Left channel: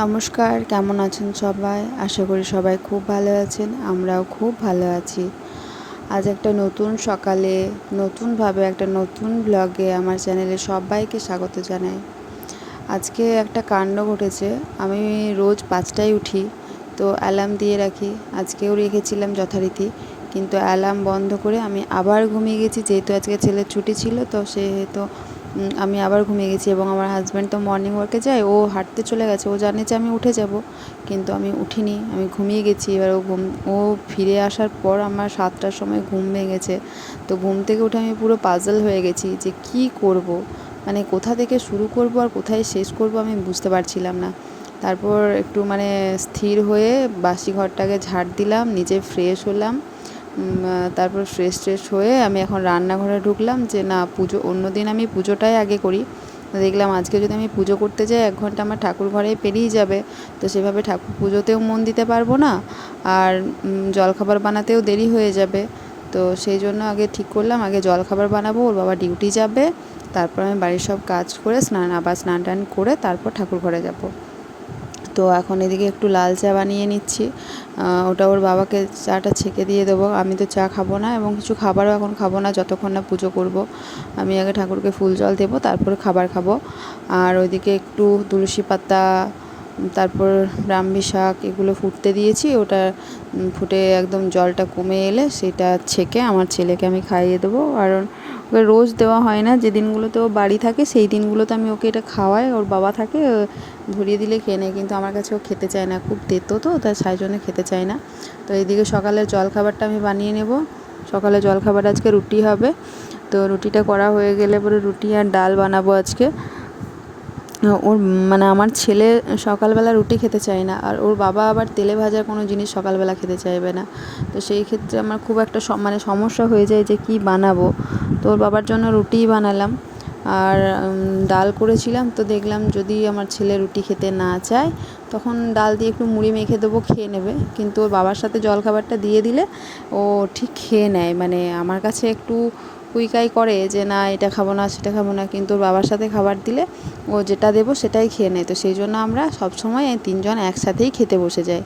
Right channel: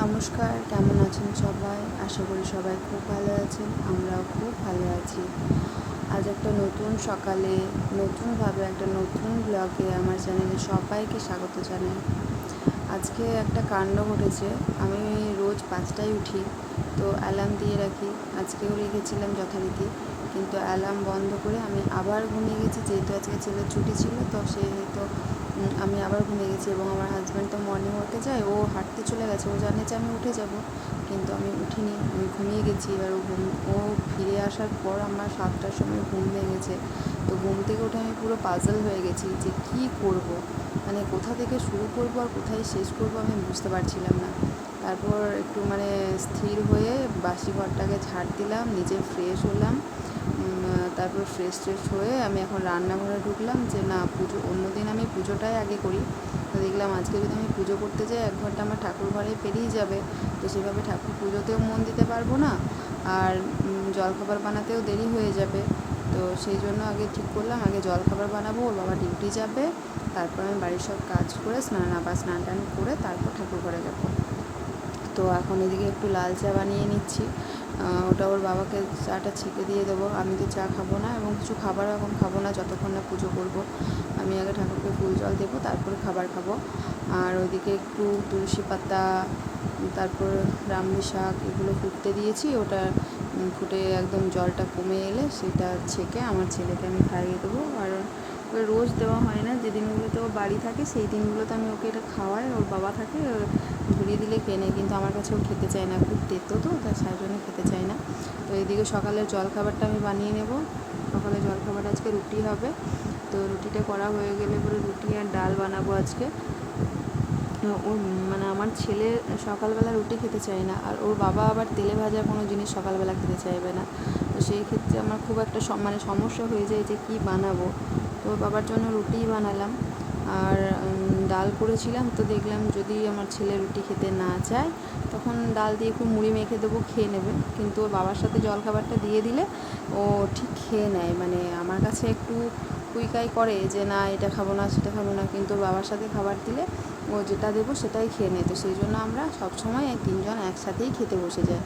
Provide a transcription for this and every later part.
নমস্কার, কেমন আছেন সবাই? আশা করি সবাই খুব ভালো আছেন। আমরাও খুব ভালো আছি। আজ একটা নতুন সকালে নতুনভাবে একটা নতুন ব্লগে আমার চ্যানেলে সবাইকে স্বাগত জানাই। আজকে একটা কাণ্ড ঘটেছে। আমি রোজ ৫টায় উঠি, তো অ্যালার্ম দিয়ে রাখি। আজকেও রেখেছিলাম যথারীতি, কিন্তু অ্যালার্ম বন্ধ করে আমি আবার ঘুমিয়ে গেছি। যেহেতু আজকে ছেলের ছুটি ছিল, তো সেহেতু আমি আবার ঘুমিয়ে গেছি। এবং আমার হাজব্যান্ড তো মর্নিং ওয়াকে যায়, ও হাঁটতে চলে গেছে, ও জানে যে আমি উঠে যাব, কিন্তু আমি উঠিনি, আমি ঘুমিয়ে গেছি। এবার ও ফিরে আসার পর আমার ৭টার সময় ঘুম ভেঙেছে। তো ঘুম থেকে উঠে আমি পুরো পাজল হয়ে গেছি যে কী করব, মানে কোথা থেকে শুরু করব আর কোথায় শেষ করব আমি বুঝতে পারছিলাম না। তারপর একটু স্থির হয়ে বাসি ঘরটাকে ঝাড় দিলাম, নিজে ফ্রেশ হলাম। তারপর ফ্রেশ হয়ে আমি এখন রান্নাঘরে ঢুকলাম যে না, পুজো অন্য দিন আমি পুজোটাই আগে করি। দেখলাম আজকে যদি আমি পুজো করতে যাই ১ ঘন্টা আমার ঠাকুর ঘরে পেরিয়ে যাবে, তো সেভাবে ঠাকুর পুজোতেও মন দিতে পারবো না, আর জলখাবার বানাতেও দেরি হয়ে যাবে। তো সেই জন্য আগে ঠিক করলাম আগে জলখাবার বানাবো, ওর বাবা ডিউটি যাবে, তারপর আমি বাড়ির সব কাজ করে স্নান টান করে তারপর ঠাকুর ঘরে যাব। তো এখন এদিকে একটু লাল চা বানিয়ে নিচ্ছি। ওটা ওর বাবাকে চাটা ছেঁকে দিয়ে দেবো। আমি তো চা খাবো না এবং কিছু খাবারও এখন খাবো না যতক্ষণ না পুজো করব। আমি আগে ঠাকুরকে ফুল জল দেবো, তারপর খাবার খাবো। আর ওইদিকে একটু তুলসী পাতা, তারপর ব্রাহ্মী শাক এগুলো ফুটতে দিয়েছি। ওটা ফুটে একদম জলটা কমে এলে সেটা ছেঁকে আমার ছেলেকে আমি খাইয়ে দেবো। কারণ ওকে রোজ দেওয়া হয় না, যে দিনগুলোতে ও বাড়ি থাকে সেই দিনগুলোতে আমি ওকে এটা খাওয়াই। ওর বাবা থাকে, ধরিয়ে দিলে খেয়ে নেয়, কিন্তু আমার কাছে ও খেতে চায় না, খুব তেতো তো, তাই সেই জন্য খেতে চায় না। তো এইদিকে সকালের জলখাবারটা আমি বানিয়ে নেব। সকালে জলখাবার আজকে রুটি হবে। তো রুটিটা করা হয়ে গেলে পরে রুটি আর ডাল বানাবো আজকে। ওর আমার ছেলে সকালবেলা রুটি খেতে চায় না, আর ওর বাবা আবার তেলে ভাজা কোনো জিনিস সকালবেলা খেতে চাইবে না। তো সেই ক্ষেত্রে আমার খুব একটা সমস্যা হয়ে যায় যে কী বানাবো। তো ওর বাবার জন্য রুটিই বানালাম। আর ডাল করেছিলাম, তো দেখলাম যদি আমার ছেলে রুটি খেতে না চায় তখন ডাল দিয়ে একটু মুড়ি মেখে দেবো, খেয়ে নেবে। কিন্তু ওর বাবার সাথে জলখাবারটা দিয়ে দিলে ও ঠিক খেয়ে নেয়। আমার কাছে একটু কুইকাই করে যে না এটা খাবো না সেটা খাবো না, কিন্তু ওর বাবার সাথে খাবার দিলে ও যেটা দেবো সেটাই খেয়ে নেয়। তো সেই জন্য আমরা সবসময় এই ৩ জন একসাথেই খেতে বসে যাই,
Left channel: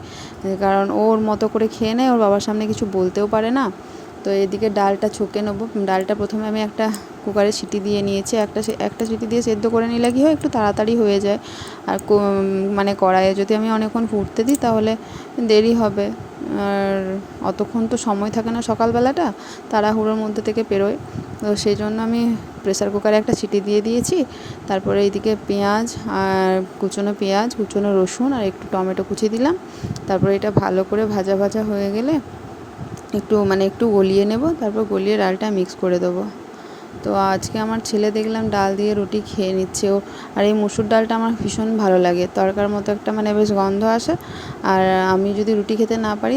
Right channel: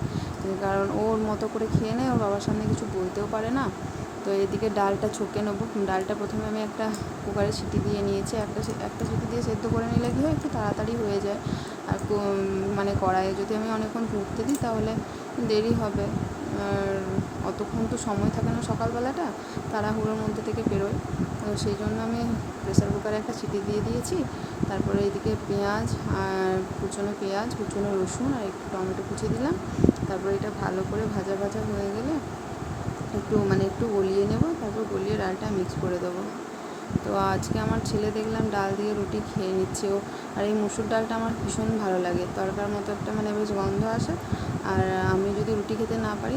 কারণ ওর মতো করে খেয়ে নেয়, ওর বাবার সামনে কিছু বলতেও পারে না। তো এদিকে ডালটা ছকে নেবো। ডালটা প্রথমে আমি একটা কুকারে সিটি দিয়ে নিয়েছি। একটা সিটি দিয়ে সেদ্ধ করে নিলে কী হয়, একটু তাড়াতাড়ি হয়ে যায়। আর কড়াইয়ে যদি আমি অনেকক্ষণ ফুটতে দিই তাহলে দেরি হবে, আর অতক্ষণ তো সময় থাকে না সকালবেলাটা, তাড়াহুড়োর মধ্যে থেকে পেরোয়। তো সেই জন্য আমি প্রেসার কুকারে একটা সিটি দিয়ে দিয়েছি। তারপরে এইদিকে পেঁয়াজ আর কুচনো রসুন আর একটু টমেটো কুচি দিলাম। তারপরে এটা ভালো করে ভাজা ভাজা হয়ে গেলে একটু গলিয়ে নেব, তারপর গলিয়ে ডালটা মিক্স করে দেবো। তো আজকে আমার ছেলে দেখলাম ডাল দিয়ে রুটি খেয়ে নিচ্ছে ও। আর এই মুসুর ডালটা আমার ভীষণ ভালো লাগে, তড়কার মতো একটা বেশ গন্ধ আসে। আর আমি যদি রুটি খেতে না পারি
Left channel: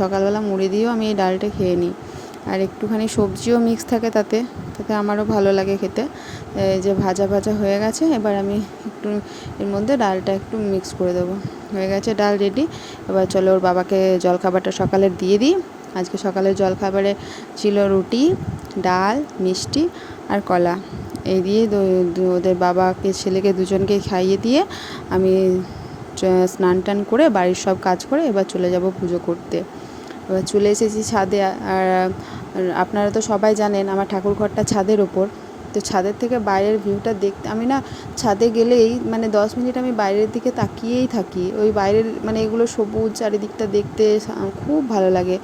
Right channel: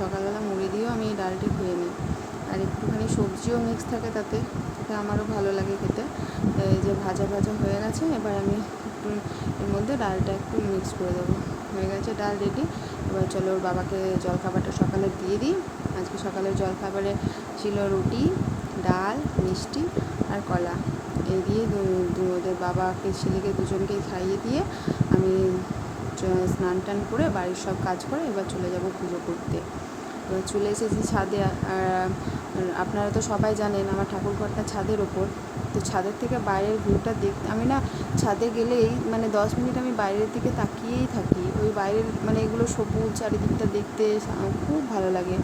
সকালবেলা মুড়ি দিয়েও আমি এই ডালটা খেয়ে নিই। আর একটুখানি সবজিও মিক্স থাকে তাতে, আমারও ভালো লাগে খেতে। এই যে ভাজা ভাজা হয়ে গেছে, এবার আমি একটু এর মধ্যে ডালটা একটু মিক্স করে দেবো। হয়ে গেছে ডাল রেডি। এবার চলো ওর বাবাকে জলখাবারটা সকালে দিয়ে দিই। আজকে সকালের জলখাবারে ছিল রুটি, ডাল, মিষ্টি আর কলা। এই দিয়ে ওদের বাবাকে ছেলেকে দুজনকে খাইয়ে দিয়ে আমি স্নান টান করে বাড়ির সব কাজ করে এবার চলে যাব পুজো করতে। এবার চলে এসেছি ছাদে। আর আপনারা তো সবাই জানেন আমার ঠাকুর ঘরটা ছাদের ওপর। তো ছাদের থেকে বাইরের ভিউটা দেখতে আমি না ছাদে গেলেই ১০ মিনিট আমি বাইরের দিকে তাকিয়েই থাকি। ওই বাইরের এগুলো সবুজ চারিদিকটা দেখতে খুব ভালো লাগে।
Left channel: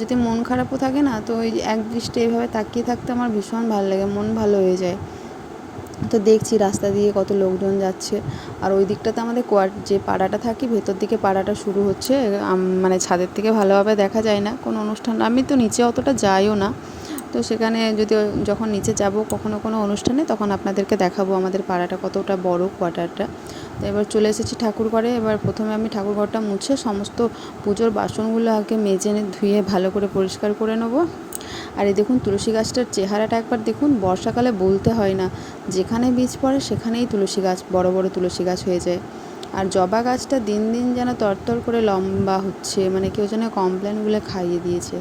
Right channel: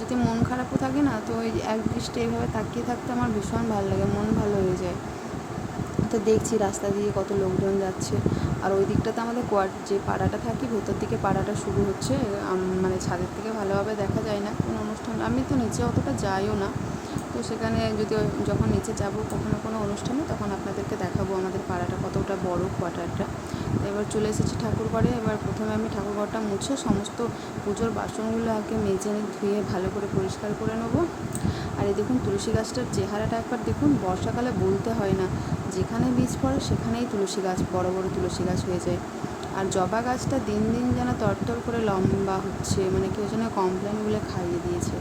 যদি মন খারাপও থাকে না, তো ওই একদৃষ্টে এইভাবে তাকিয়ে থাকতে আমার ভীষণ ভালো লাগে, মন ভালো হয়ে যায়। তো দেখছি রাস্তা দিয়ে কত লোকজন যাচ্ছে। আর ওই দিকটাতে আমাদের যে পাড়াটা থাকি, ভেতর দিকে পাড়াটা শুরু হচ্ছে। ছাদের থেকে ভালোভাবে দেখা যায় না কোনো অনুষ্ঠান, আমি তো নিচে অতটা যাইও না। তো সেখানে যখন নিচে যাব কোনো অনুষ্ঠানে, তখন আপনাদেরকে দেখাবো আমাদের পাড়াটা কতটা বড়, কোয়ার্টারটা। তো এবার চলে এসেছি ঠাকুর ঘরে। এবার প্রথমে আমি ঠাকুর ঘরটা মুছে সমস্ত পুজোর বাসনগুলো আগে মেজে ধুয়ে ভালো করে পরিষ্কার করে নেবো। আর এই দেখুন তুলসী গাছটার চেহারাটা একবার দেখুন। বর্ষাকালে বলতে হয় না, যেখানে বীজ পড়ে সেখানেই তুলসী গাছ, বড় বড় তুলসী গাছ হয়ে যায়। আর জবা গাছটা দিন দিন যেন তরতর করে লম্বা হচ্ছে, কেউ যেন কমপ্লেনগুলো খাইয়ে দিয়েছে।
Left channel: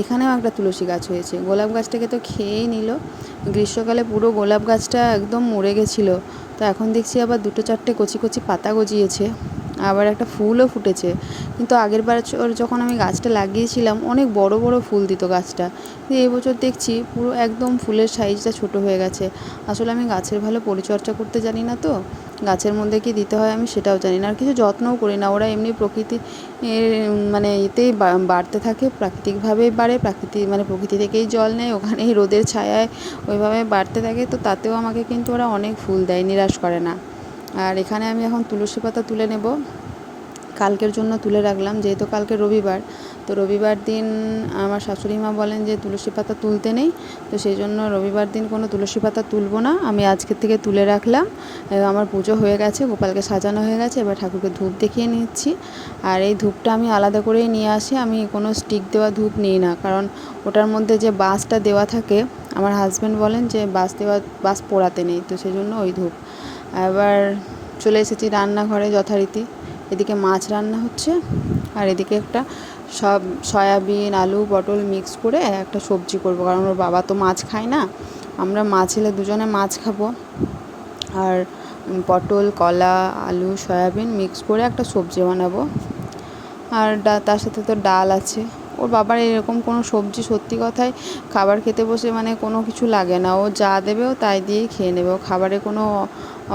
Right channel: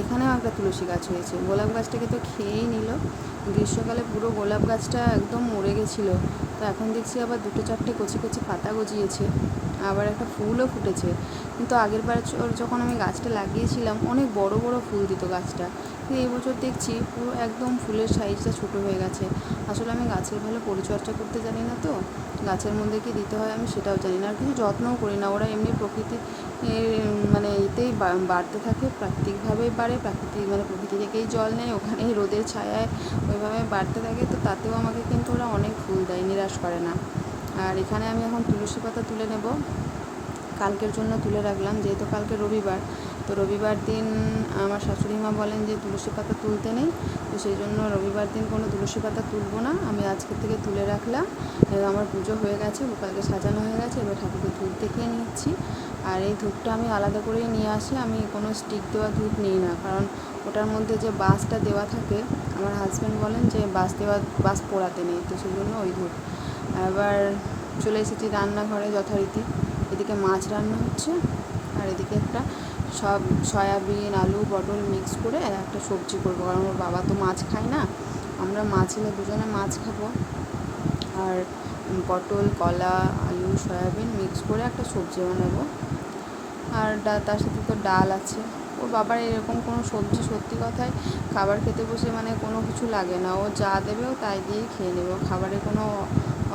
এখানেও একটা তুলসী গাছ হয়েছে। গোলাপ গাছটাকে তো খেয়েই নিল। গ্রীষ্মকালে পুরো গোলাপ গাছটা একদম মরে গেছিলো, তো এখন দেখছি আবার 2-4টে কচি কচি পাতা গজিয়েছে, আবার একটা ফুলও ফুটেছে। কিন্তু আগের বার যখন আমি গাছটা লাগিয়েছিলাম অনেক বড় বড় ফুল দিত গাছটা, কিন্তু এই বছর দেখছি পুরো একদম ফুলের সাইজটা ছোট হয়ে গেছে। আসলে আমি গাছের ভালো পরিচর্যা করতে জানি না, তো গাছের মধ্যে কি দিতে হয় আমি সেটাও জানি না, আর কিছু যত্নও করি না। ওরা এমনি প্রকৃতি এর মানে এতেই বাড়তে থাকে, প্রাকৃতিকভাবেই বাড়ে, মানে প্রকৃতি থেকেই জল নেয়, ওখানেই রোদের ছায়ায় ওইভাবে বাড়তে থাকে। তো তাতেও আমাকে কিন্তু ওরা অনেক ফুল দেয়, নিরাশ করে না। আর এখানে আমি এখন তুলসী পাতা তুলে নেব, কালকের জন্য তুলে রাখলাম, যেহেতু কালকে রবিবার। তো রবিবার দিন আমার শাশুড়ি মা বলেন যে তুলসী পাতা তুলতে নেই, তো সেই জন্য রবিবার দিন কোনো তুলসী পাতা তুলব না, আমি আজকের থেকে তুলে রাখলাম। আমার পুজো হয়ে গেছে, গোপালকে সাজানো হয়ে গেছে, এবার ঠাকুরকে ধূপ দেখিয়ে নিচ্ছি। আর এই ধূপটা আমি আলাদা করেই নিয়ে আসি, আমি কোনো স্টিক দেওয়া ধূপ নিই না, কারণ ওটার মধ্যে যে বাঁশটা দেওয়া থাকে, আমার হাজব্যান্ড বলেন যে বাঁশ পোড়াতে নেই, তো সেই জন্য ওই ধূপ। এবার চলে এসেছি রান্নাঘরে যথারীতি। এদিকে মাছ রান্না হচ্ছে, আর এদিকে একটা সয়াবিন আলু পটল মিক্স করে একটা সবজি করবো, কারণ ওর বাবা তো মাছ খায় না, আমরা মা ছেলে দুজনে মাছ খাবো। আর পটল কলা আলু সয়াবিন মিক্স করে একটা সবজি বানাবো। আর তার সাথে তো ডাল আছে। ওর বাবার এরকম কোনো সবজি সত্যি কথাই খাবার খেতে বসে মানে কোনো কিছু লাগে না, ও যা দেবে ও তাই দিয়েই খেয়ে নেবে, ও খাবারে কোনো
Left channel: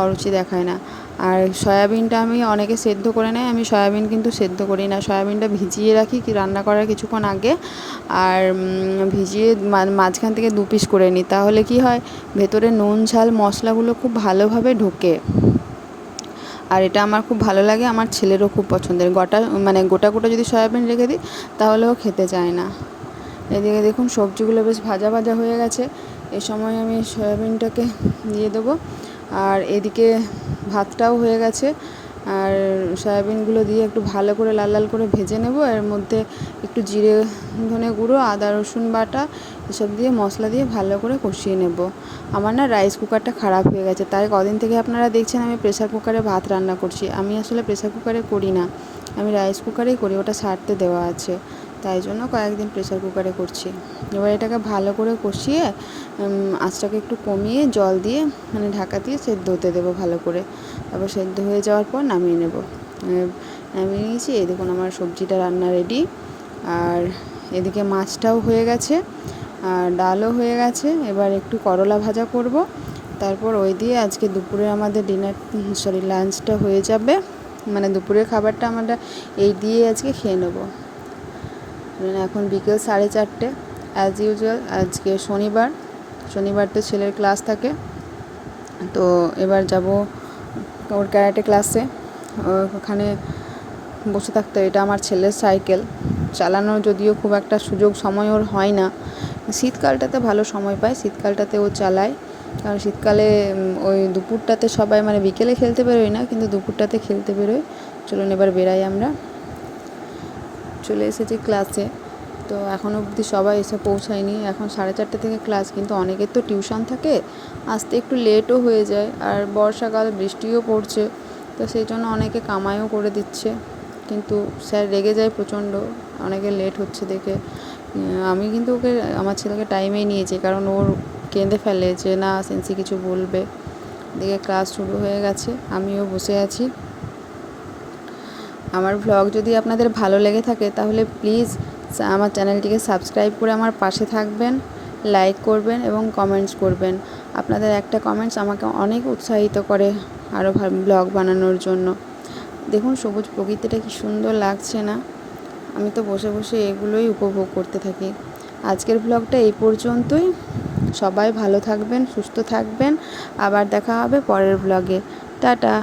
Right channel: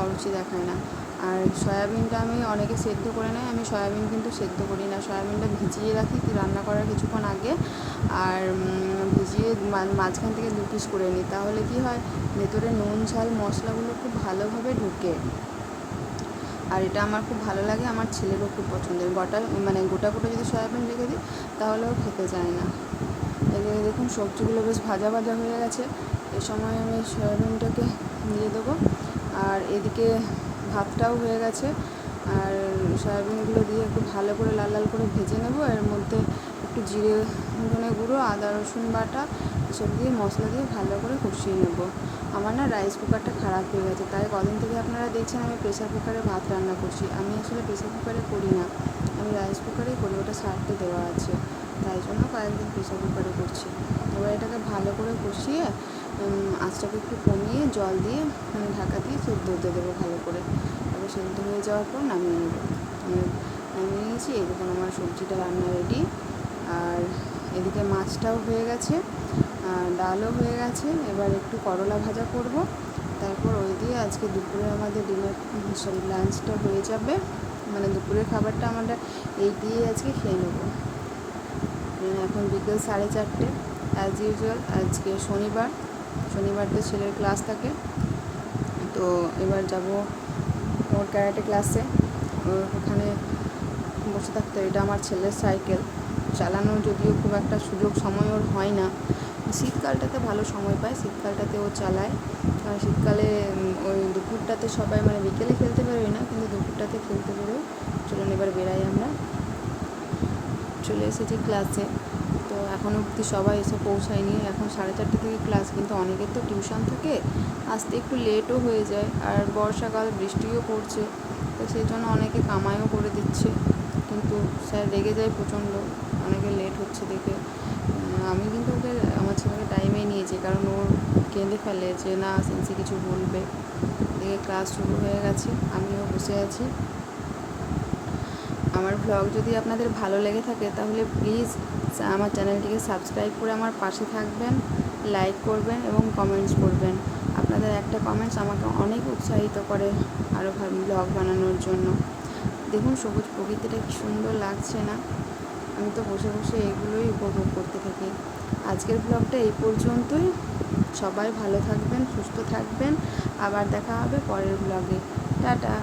অরুচি দেখায় না। আর সয়াবিনটা আমি অনেকে সেদ্ধ করে নেয়, আমি সয়াবিন কিন্তু সেদ্ধ করি না, সয়াবিনটা ভিজিয়ে রাখি কি রান্না করার কিছুক্ষণ আগে, আর ভিজিয়ে মাঝখান থেকে 2 পিস করে নিই, তাহলে কি হয় ভেতরে নুন ঝাল মশলাগুলো খুব ভালোভাবে ঢোকে। আর এটা আমার খুব ভালো লাগে, আমার ছেলেরও খুব পছন্দের। গোটা গোটা যদি সয়াবিন রেখে দিই তাহলেও খেতে চায় না। এদিকে দেখুন সবজিগুলো বেশ ভাজা ভাজা হয়ে গেছে, এ সময় আমি সয়াবিনটাকে দিয়ে দেবো। আর এদিকে ভাতটাও হয়ে গেছে, আর সয়াবিনগুলো দিয়ে একটু ভালো করে লাল লাল করে ভেজে নেব। এর মধ্যে একটু জিরে ধনে গুঁড়ো আদা রসুন বাটা এসব দিয়ে মশলা দিয়ে ভালো করে কষিয়ে নেব। আমার না রাইস কুকারটা খারাপ হয়ে গেছে, তাই কদিন থেকে আপনারা দেখছেন আমি প্রেসার কুকারে ভাত রান্না করছি। আমি আসলে প্রেসার কুকারে করি না, আমি রাইস কুকারেই করি, ওটা সারতে দেওয়া আছে, তাই জন্য কয়েকদিন প্রেসার কুকারে করছি। এবার এটাকে ভালো করে কষিয়ে আঁচটাকে একটু কমিয়ে জল দিয়ে মানে ঢাকা দিয়ে সেদ্ধ হতে দেবো ভালো করে। তারপর সেদ্ধ হয়ে যাওয়ার পর নামিয়ে নেব। নামিয়ে নিয়েছি, এই দেখুন আমার সবজিটা রান্না রেডি। আর এদিকে মাছটাও হয়ে গেছে, আর ডালও হয়ে গেছে। এবার একটু করলা ভাজা করব, তারপর ওই দিয়ে আজকে দুপুরে আমাদের লাঞ্চটা হয়ে যাবে, মানে দুপুরের খাবারটা আমরা এই দিয়ে আজকে খেয়ে নেব। এখন বিকেল 4:30, অ্যাজ ইউজুয়াল। আজকে শনিবার তো ছেলের ক্লাস থাকে, তো এবার যাব ওর ক্যারাটে ক্লাসে, ওখানে বসে থাকতে। এটা আমার ছেলের সাইকেল, চালানো যদিও খুব একটা সুযোগ সময় ওর হয় না, শীতকালটাতে ভালো সময় পায়, শীতকালটাতে ও চালায়। কারণ শীতকালে ওই দুপুরটাতে সবাই মানে বিকেলে খেলতে বেরোয় না, কিন্তু দুপুরটাতে খেলতে বেরোয়। চলুন এবার বেরাই, আমরা চলে এসেছি ক্লাসে। তো এখনও অবধি সবাই এসে পৌঁছায়নি, এখন 4:30 থেকে ক্লাস, কিন্তু অনেকের তো টিউশন থাকে, আসতে একটু লেটও হয়ে যায়। আর বর্ষাকাল, বৃষ্টিও পড়ছে, তো সেই জন্য অনেকে কামাইও করে দিচ্ছে, কিন্তু স্যার রেগে যায় প্রচণ্ড অনেকে লেট হচ্ছে দেখে। আমি কিন্তু আমার ছেলেকে টাইমেই নিয়েছি, কারণ ওর কেঁদে ফেলে যে না সেন্সি কিছু বলবে। দেখে ক্লাস শুরু হয়ে গেছে, আমিও বসে আছি। আমার ভ্লগ যদি আপনাদের ভালো লেগে থাকে তাহলে প্লিজ আমার চ্যানেলটিকে সাবস্ক্রাইব করে আমার পাশে থাকবেন, লাইক করবেন এবং কমেন্টস করবেন। আপনাদের একটা কমেন্টস আমাকে অনেক উৎসাহিত করে আরও ব্লগ বানানোর জন্য। দেখুন সবুজ প্রকৃতিটা কি সুন্দর লাগছে না, আমি তো বসে বসে এগুলোই উপভোগ করতে থাকি। আজকের ব্লগটা এই পর্যন্তই, সবাই ভালো থাকবেন, সুস্থ থাকবেন, আবার দেখা হবে পরের ব্লগে। টাটা।